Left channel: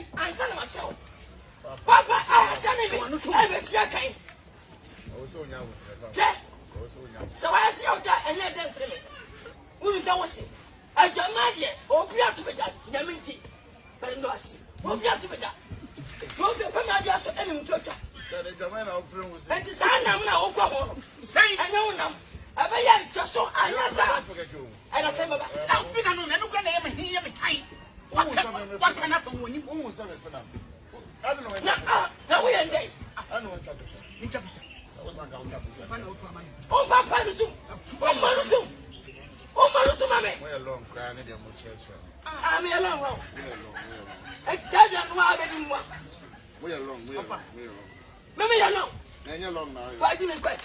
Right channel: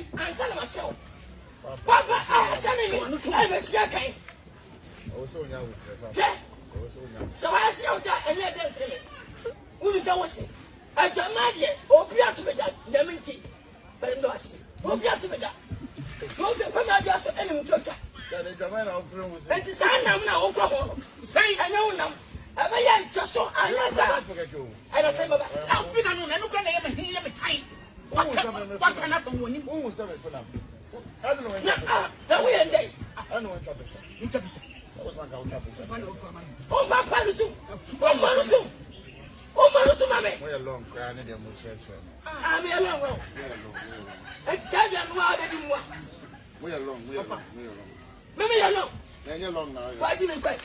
say, I said myself. What I said, I was second. So I see that and let us say, who is our say? I don't know yet, or be out to be that, Yamiti, but no, who be out to be that. No, the Pamadia for any culture. And the son of my Oklahoma. Say, I know now. I may just so I forget you. I don't say, but I feel I look at him and hear me tight. What can happen when you move for them? I don't know. Now we are late. I know what oh, my parents, oh, my we're a long cry, and I'm a long road. It's 7 1 we are long, we are long. Maybe alone. Then you're long now. 5 minutes back.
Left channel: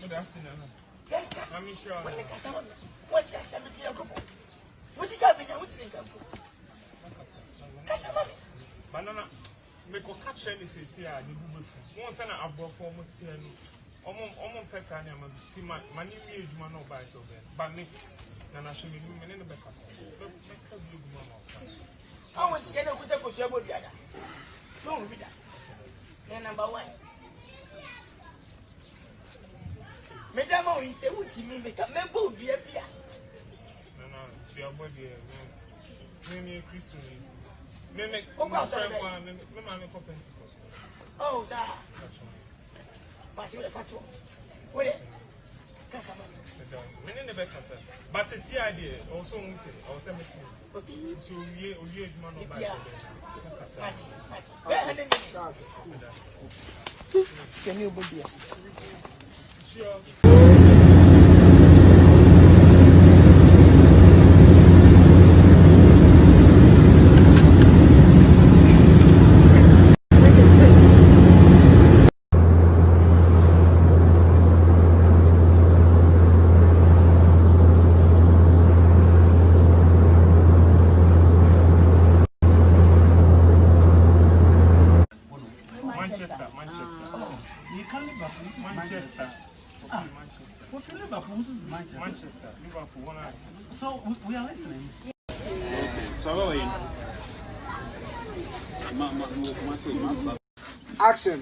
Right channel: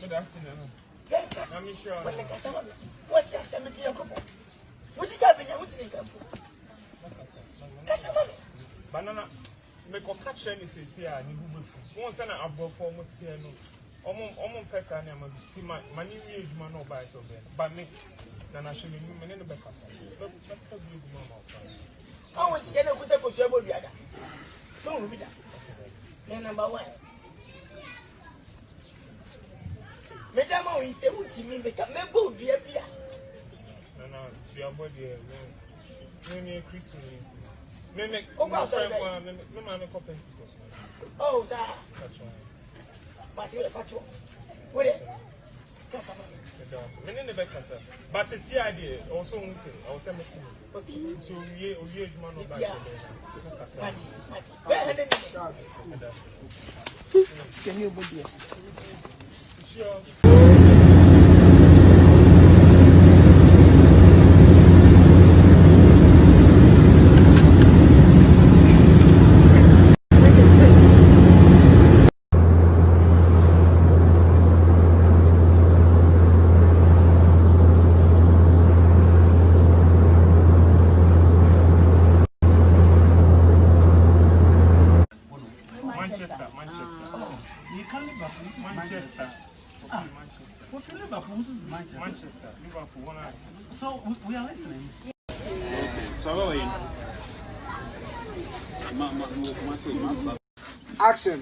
Good afternoon. I'm sure. What's that? What's happening? What's the income? Banana. Make a catch any city and you move. Once an above for Mutiano. Almost person, I'm a steam. My new age man or buy so bad. But me, then I should be moving in the back. I was going to put up with your body. Don't read that. Number 1. Madame, you say, what do you mean? Make a member of the Abia. No, your body, no, Christian. Oh, sir. But you're a fatwa. What is it? But it's the idea. Also, we say, I was 17. So, you man of by can you be sure? Manchester. What's Liverpool? Manchester. Liverpool. So we are listening. Okay. So how are you? Action.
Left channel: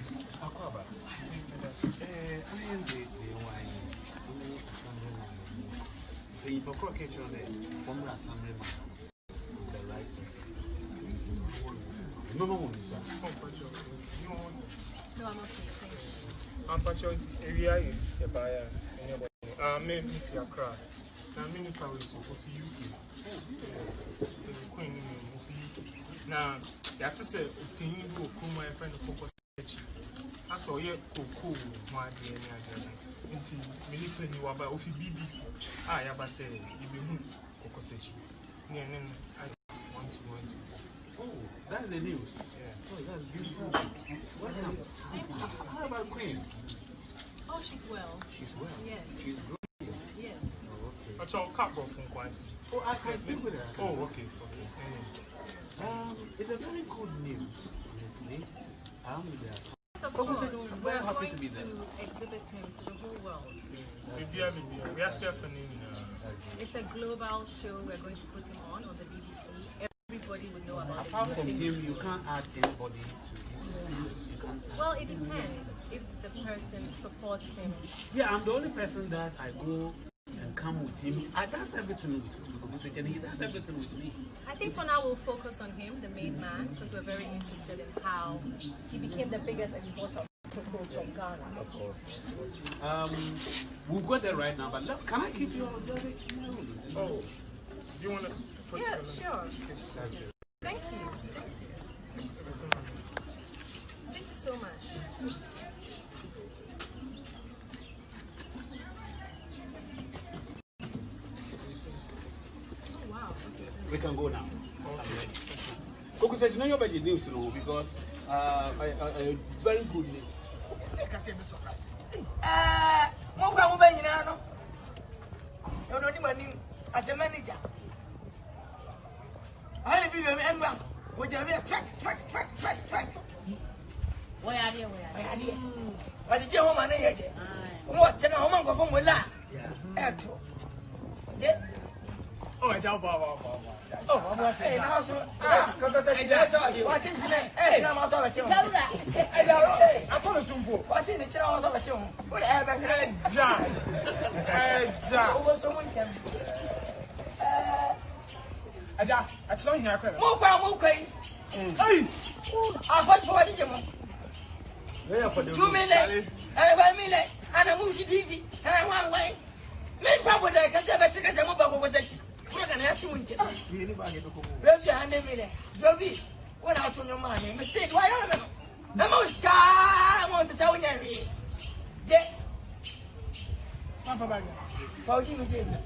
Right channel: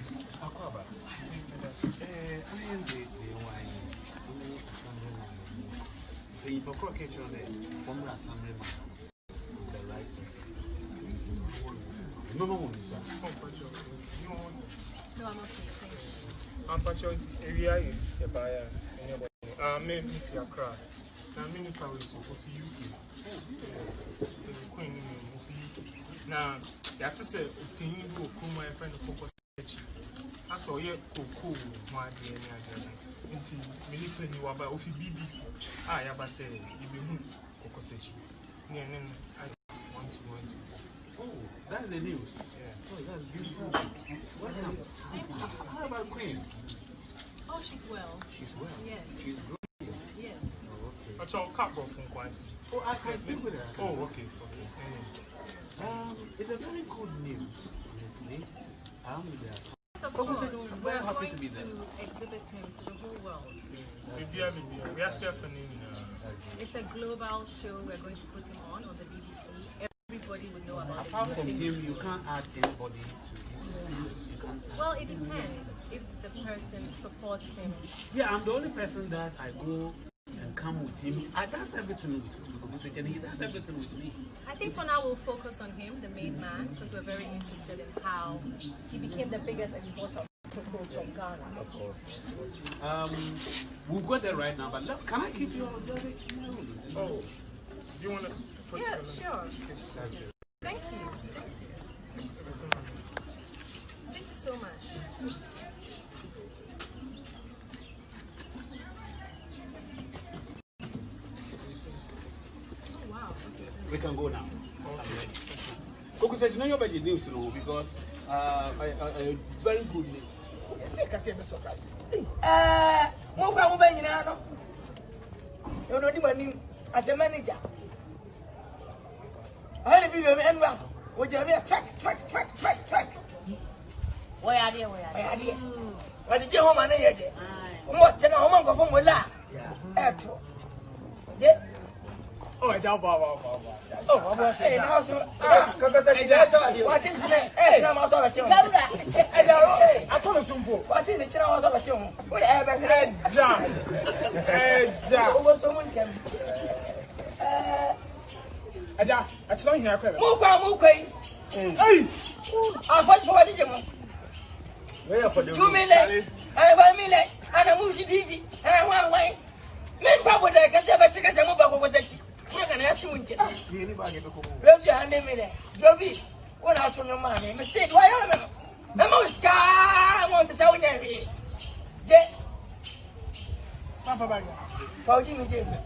No, I'm okay. Thank you. I'm patient area in the buyer. I'm in Accra. I'm in Paris for UK. The Queen of UK. Now, that's a opinion to come my friend of Focus. I saw you cool, my dear. It's many penny about of BBC. I have said, you be Focus. I want to. Oh, that's the news. Yeah. Oh, that's beautiful. How about Queen? Oh, she's well. She's well. Yes. She's good. Yes. Oh, okay. But you're capable from quantity. Oh, I speak with her. Oh, okay. It's a very good news, honestly. So of course, we're going to exhibit him to the whole world. We are surfing. It's a global show. We're going to put him on the BBC. Everybody would know about it. Apart from him, you can't add anybody to it. Well, it depends if the person supports him. Yeah, I'm the only person that I go and come with him. I does everything with him, and he does everything with me. I think for now we'll focus on him, the main man, because we're very interested in how he became the biggest exporter of cocoa from Ghana. Of course. We'll go there right now, but look, can I keep your email? Oh, do you want to? Yeah, sure. Thank you. Thank you so much. Oh, wow. We can go now. Coco said, you know your budget news, because I very good news. As a manager, I had a video and run. Would you have a track? Why are you? What did you home and I What's an home of Willa? Oh, job, oh, Hey, now so. Because I tell you, what is the name? Hey, I'm also a children. I told you some book. What is the children of a children? Whatever. Over someone can. I saw you here. Hey! I want for what you 2 million. I 1 million. And I move to TV. And I want away. Make probably like I said, I move back with it. We're going to have to win. Raise your hand a minute. Bobby, what out from your money? I said, why are you? I'm always car. I want to sell you. For Jimmy Jason.